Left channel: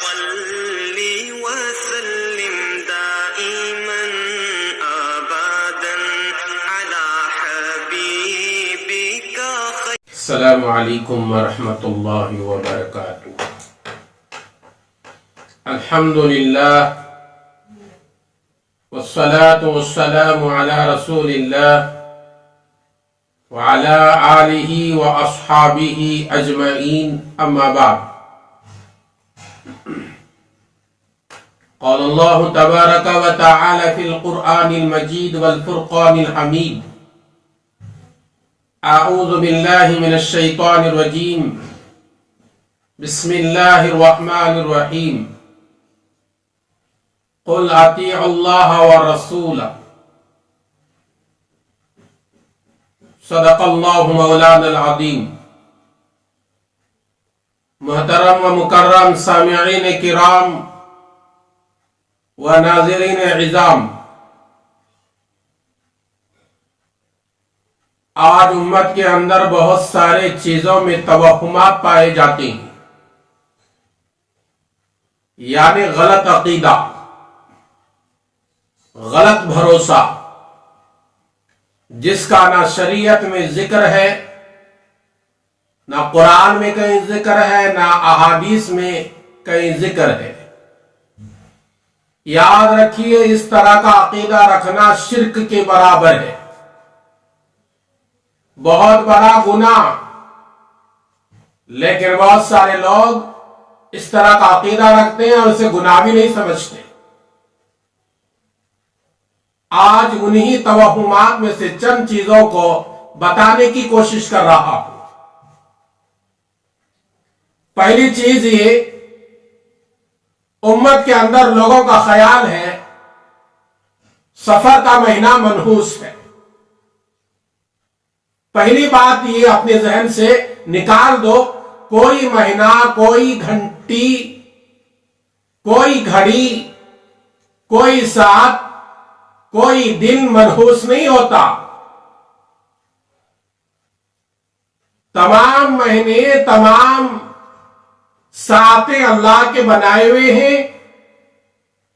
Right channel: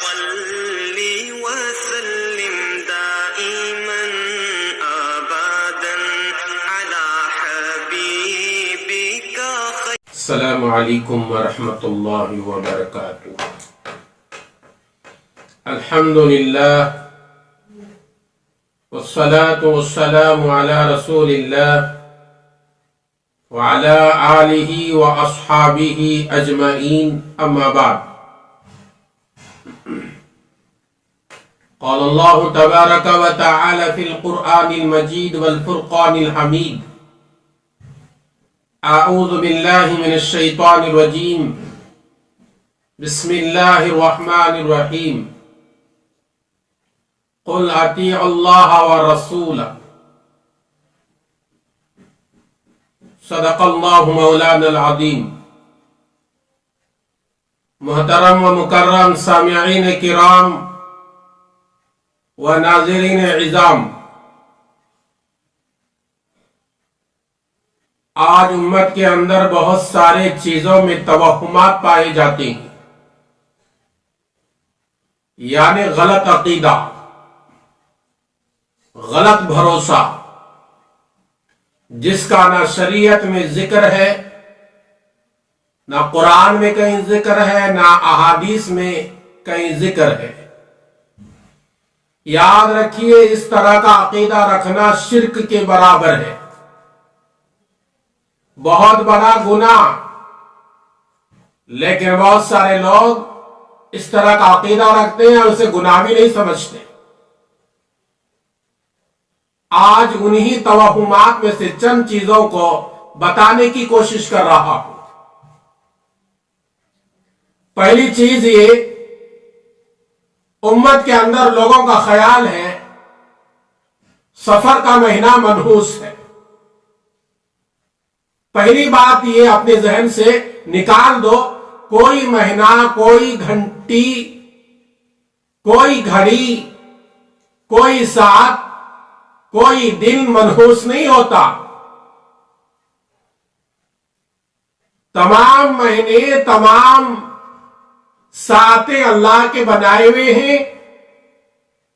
صل وسلم دائما ابدا على حبيبك السلام علیکم ورحمۃ اللہ وبرکاتہ۔ الحمدللہ والصلاة والسلام علی رسول اللہ وعلی آلہ واصحابہ اجمعین، اما بعد۔ قال اللہ تبارک وتعالی فی القرآن المجید والفرقان الحمید، اعوذ باللہ من الشیطان الرجیم، بسم اللہ الرحمن الرحیم، قل اطیعوا اللہ والرسول، صدق اللہ مولانا العظیم۔ محترم و مکرم سامعین کرام و ناظرین عظام، آج امت کے اندر بہت سارے چیزوں میں توہمات پائے جاتے ہیں، یعنی غلط عقیدہ، غلط بھروسہ، جس کا نہ شریعت میں ذکر ہے، نہ قرآن میں کہیں ذکر ہے، نہ احادیث میں کہیں ذکر ہے۔ یاد رکھیے، اس طرح کا عقیدہ رکھنا شرک کے برابر ہے، بہت بڑا گناہ۔ لیکن بہت سارے لوگ اس طرح کا عقیدہ رکھتے ہیں اور اسے گناہ بھی نہیں سمجھتے۔ آج انہی توہمات میں سے چند چیزوں کو بتانے کی کوشش کر رہا ہوں۔ پہلی چیز یہ، امت کے اندر لوگوں کا خیال ہے سفر کا مہینہ منحوس ہے۔ پہلی بات یہ اپنے ذہن سے نکال دو، کوئی مہینہ، کوئی گھنٹی، کوئی گھڑی، کوئی ساعت، کوئی دن منحوس نہیں ہوتا۔ تمام مہینے، تمام ساعتیں اللہ کے بنائے ہوئے ہیں،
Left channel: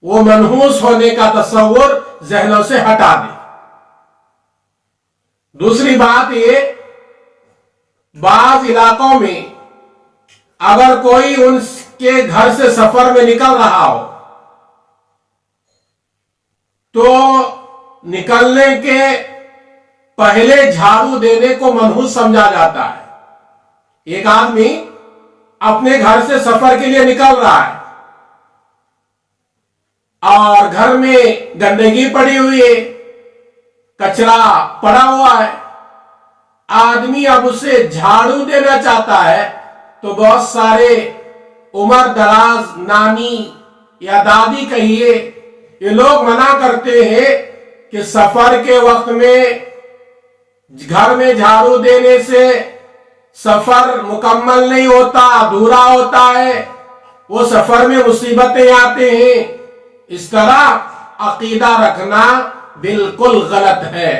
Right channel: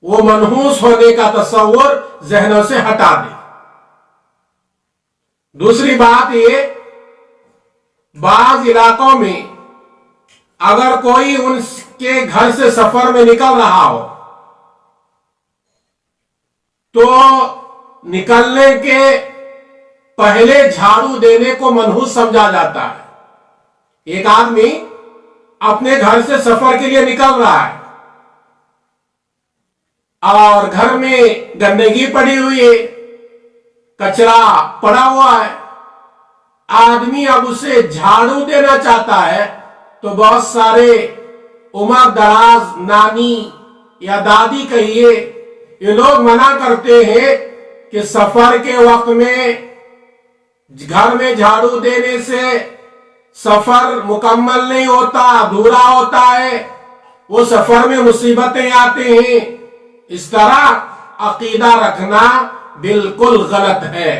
وہ منحوس ہونے کا تصور ذہنوں سے ہٹا دیں۔ دوسری بات یہ، بعض علاقوں میں اگر کوئی ان کے گھر سے سفر میں نکل رہا ہو تو نکلنے کے پہلے جھاڑو دینے کو منحوس سمجھا جاتا ہے۔ ایک آدمی اپنے گھر سے سفر کے لیے نکل رہا ہے اور گھر میں گندگی پڑی ہوئی ہے، کچرا پڑا ہوا ہے، آدمی اب اسے جھاڑو دینا چاہتا ہے تو بہت سارے عمر دراز نانی یا دادی کہیے، یہ لوگ منع کرتے ہیں کہ سفر کے وقت میں گھر میں جھاڑو دینے سے سفر مکمل نہیں ہوتا، ادھورا ہوتا ہے، وہ سفر میں مصیبتیں آتے ہیں۔ اس طرح عقیدہ رکھنا بالکل غلط ہے،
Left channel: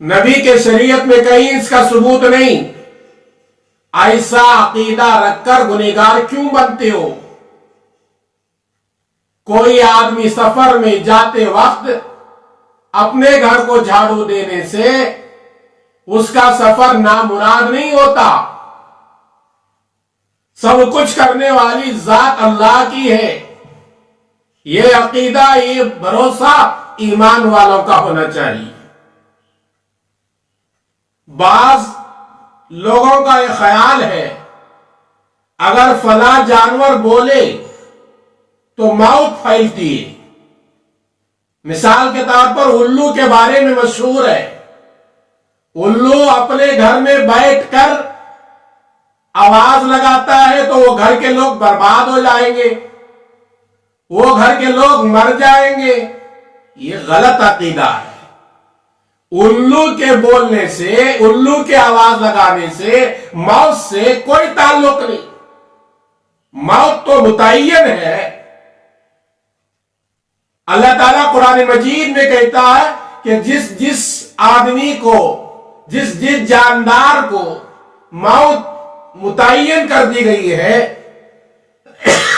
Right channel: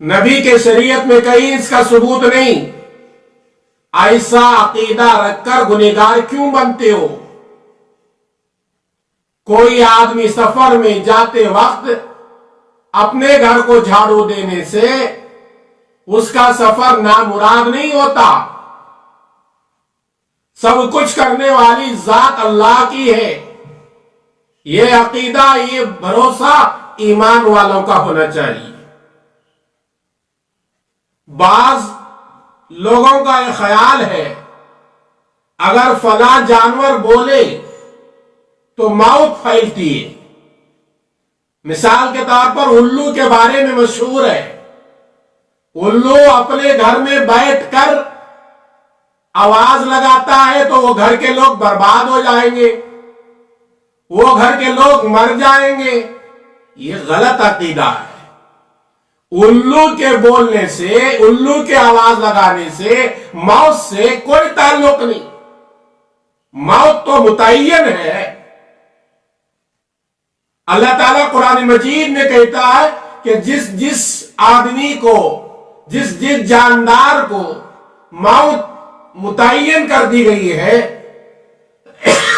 نبی کے شریعت میں کہیں اس کا ثبوت نہیں۔ ایسا عقیدہ رکھ کر گنہگار کیوں بنتے ہو؟ کوئی آدمی سفر میں جاتے وقت اپنے گھر کو جھاڑو دینے سے اس کا سفر نامراد نہیں ہوتا۔ سب کچھ کرنے والی ذات اللہ کی ہے۔ یہ عقیدہ، یہ بھروسہ ایمان والوں کا ہونا چاہیے۔ بعض لوگوں کا یہ خیال ہے اگر فلاں جانور بولے تو موت پھیلتی ہے۔ مثال کے طور پر الو کے بارے میں مشہور ہے، الو اپنے گھر میں بیٹھ کر آواز لگاتا ہے تو وہ گھر کے لوگ برباد ہو جائیں گے، وہ گھر کے لوگ مر جائیں گے۔ یہ غلط عقیدہ ہے۔ الو کے بولنے سے، الو کے آواز لگانے سے موت سے کوئی تعلق نہیں۔ موت تو متعین ہے۔ اللہ تعالیٰ قرآن مجید میں کہتا ہے کہ جس آدمی کو، جس جاندار کو موت متعین کر دی گئی ہے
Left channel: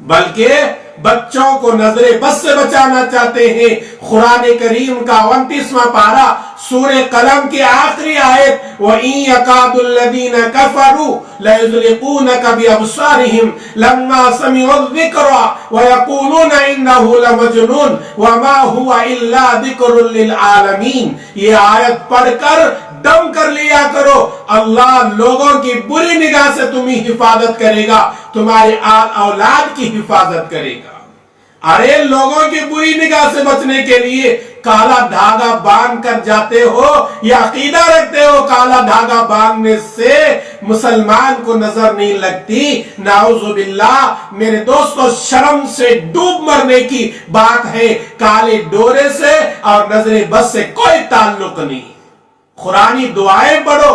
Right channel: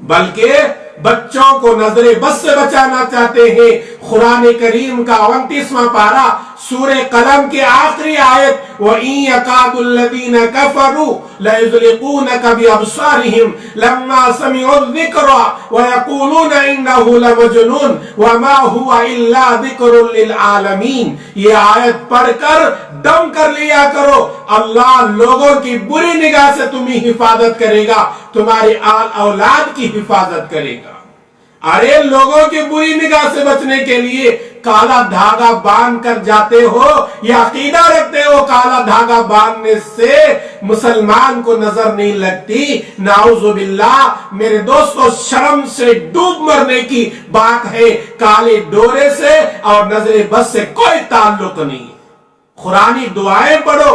بلکہ بچوں کو نظر بد سے بچانا چاہتے ہیں۔ قرآن کریم کا 29واں پارہ سورہ قلم کی آخری آیت وَإِن يَكَادُ الَّذِينَ كَفَرُوا لَيُزْلِقُونَكَ بِأَبْصَارِهِمْ لَمَّا سَمِعُوا الذِّكْرَ وَيَقُولُونَ إِنَّهُ لَمَجْنُونٌ وَمَا هُوَ إِلَّا ذِكْرٌ لِلْعَالَمِينَ۔ یہ آیت پڑھ کر دم کر لیا کرو، اللہ لوگوں کی بری نگاہ سے تمہیں حفاظت کرے گا، تمہاری اولاد کی حفاظت کرے گا۔ ارے لوگوں کی بری نگاہ سے بچنے کے لیے کالا دھاگا باندھ کر جاتے ہو یا عقیدہ رکھتے ہو کالا دھاگا باندھنے سے مسلمان کو نظر نہیں لگتی؟ نعوذ باللہ میرے دوستو، شرم سے ڈوب مرنے کی بات ہے، کالے ڈورے سے اور نظر بد سے کوئی تعلق نہیں۔ قرآنی دعائیں پڑھو،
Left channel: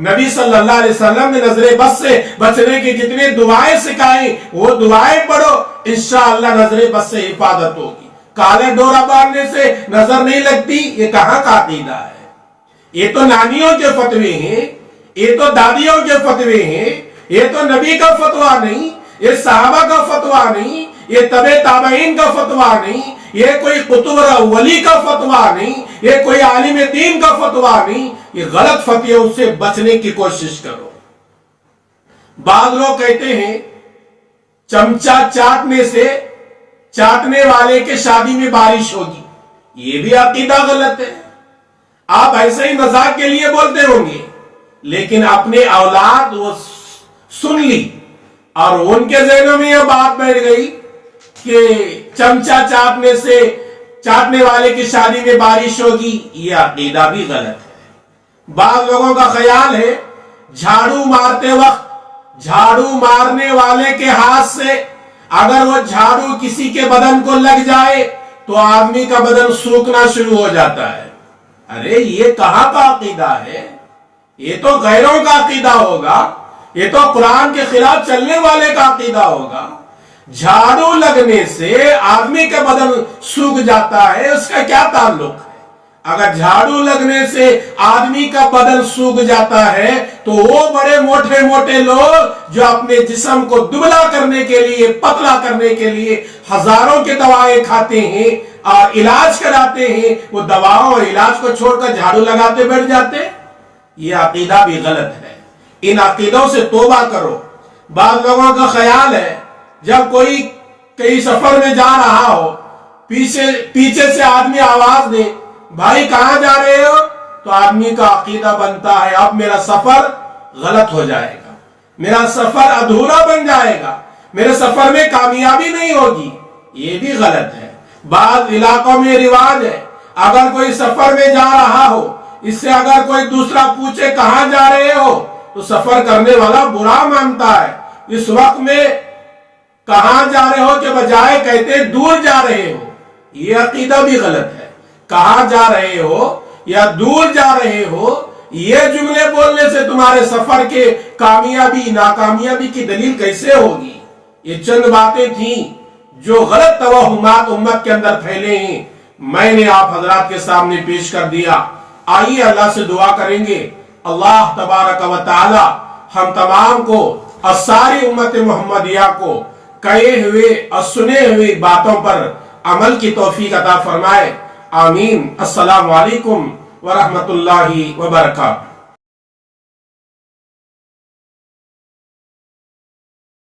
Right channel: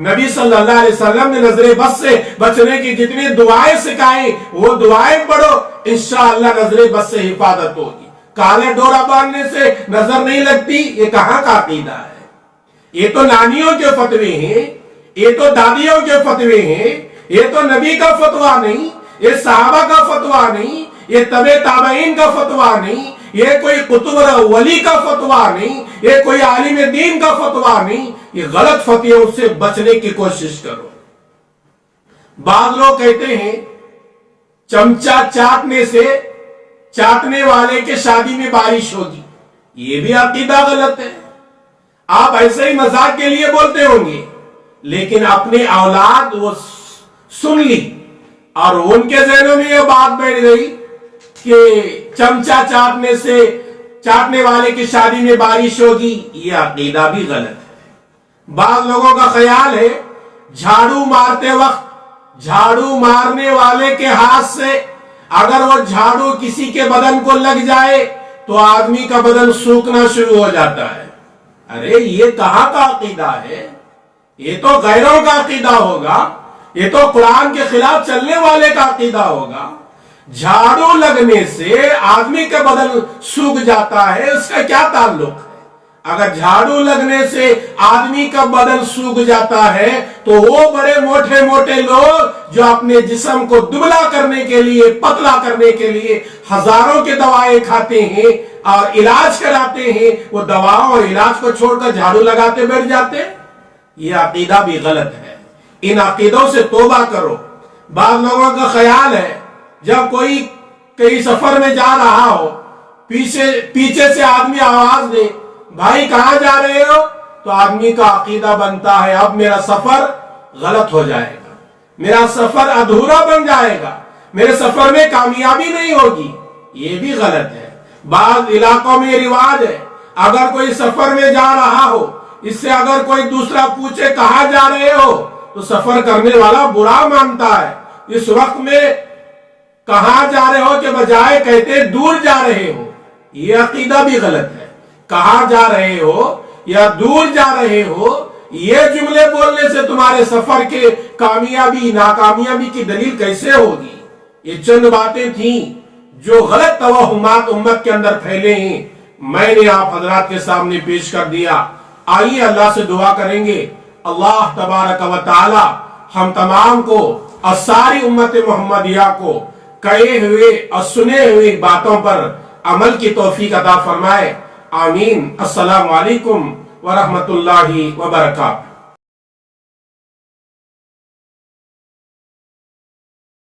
نبی صلی اللہ علیہ وسلم نے نظر بد سے بچنے کی جتنی دعائیں سکھائیں وہ دعائیں پڑھو، انشاءاللہ نظر بد سے حفاظت ہوگی۔ کالے ڈورا باندھنے سے نظر نہیں لگتی، یہ کہاں کا عقیدہ ہے؟ یہ تو نانیوں کے فتوے ہیں، یہ تو دادیوں کے فتوے ہیں، یہ تو نبی کا فتویٰ نہیں، یہ صحابہ کا فتویٰ نہیں، یہ تبع تابعین کا فتویٰ نہیں، یہ کوئی قطب ولی کا فتویٰ نہیں، یہ کوئی عالم دین کا فتویٰ نہیں۔ یہ غلط فتویوں سے بچنے کی کوشش کرو۔ بعض لوگ کہتے ہیں چمچہ چاٹنے سے چاٹنے والے کے شادی میں بارش ہوگی، یہ بھی عقیدہ غلط ہے۔ آپ ایسے ہی مذاق کے لیے بولتے ہوں گے، لیکن اپنے اولاد وہ سن لی اور ان کے ذہنوں میں یہ بات بیٹھ گئی کہ چمچہ چاٹنے سے چاٹنے والے کی شادی میں بارش ہوگی، یہ عقیدہ بھی غلط ہے۔ بعض لوگوں کا خیال ہے جھاڑو مارتے وقت جھاڑو مارنے والے کے ہاتھ سے اگر وہ جھاڑو کسی کے بدن کو لگ جائے تو آدمی کا بدن سوکھنا شروع ہو جاتا ہے۔ ارے یہ کہاں کا عقیدہ ہے؟ یہ تو غیروں کا عقیدہ ہوگا، یہ تو قرآن کے خلاف چلنے والے کا عقیدہ ہوگا۔ جھاڑو لگنے سے آدمی کا بدن سوکھ جاتا ہے، اس کا کیا تعلق ہے؟ اگر جھاڑو لگنے سے آدمی کا بدن سوکھ جاتا ہے تو وہ بڑے موٹے موٹے لوگ جو اپنے جسم کو دبلا کرنے کے لیے پتلا کرنے کے لیے ہزاروں کے دوائیں کھاتے ہیں اور علاج کراتے ہیں، وہ دواؤں اور علاج کو چھوڑ کر جھاڑو لگاتے بیٹھ جاتے۔ یہ عقیدہ بھی غلط ہے، ان عقیدوں سے توبہ کرو۔ بعض لوگوں کا خیال ہے جب کوئی کئی سفر میں جا رہا ہو، پیچھے سے آدمی آواز دے بھائی کہاں جا رہے ہو، تو آدمی کا عقیدہ بنتا ہے اب میرا سفر غلط ہو جائے گا، میرا سفر ادھورا بن جائے گا، میرے سفر میں کامیابی نہیں ہوگی۔ یہ بھی غلط ہے۔ بعض علاقوں میں رواج ہے اگر کوئی سفر میں جا رہا ہو، اس سے اگر کوئی دوسرا پوچھے کہاں جا رہے ہو تو سفر کرنے والا برا مانتا ہے۔ اس وقت میں کہاں جا رہے ہو کے بجائے کہتے دور جا رہے ہو، یہ عقیدہ بھی غلط ہے۔ کہاں جا رہے ہو یا دور جا رہے ہو، یہ جملے بولنے سے تمہارے سفر کے کامیابی ناکامیابی کی دلیل کیسے ہوگی؟ یہ چند باتیں تھیں جو غلط توہمات امت کے اندر پھیلے ہیں، میں نے آپ حضرات کے سامنے پیش کر دیا۔ آئیے اللہ سے دعا کریں گے، اللہ تبارک و تعالی ہم تمام کو اور ساری امت محمدیہ کو کہے ہوئے اور سنے ہوئے باتوں پر عمل کی توفیق عطا فرمائے، آمین۔ السلام علیکم ورحمۃ اللہ وبرکاتہ۔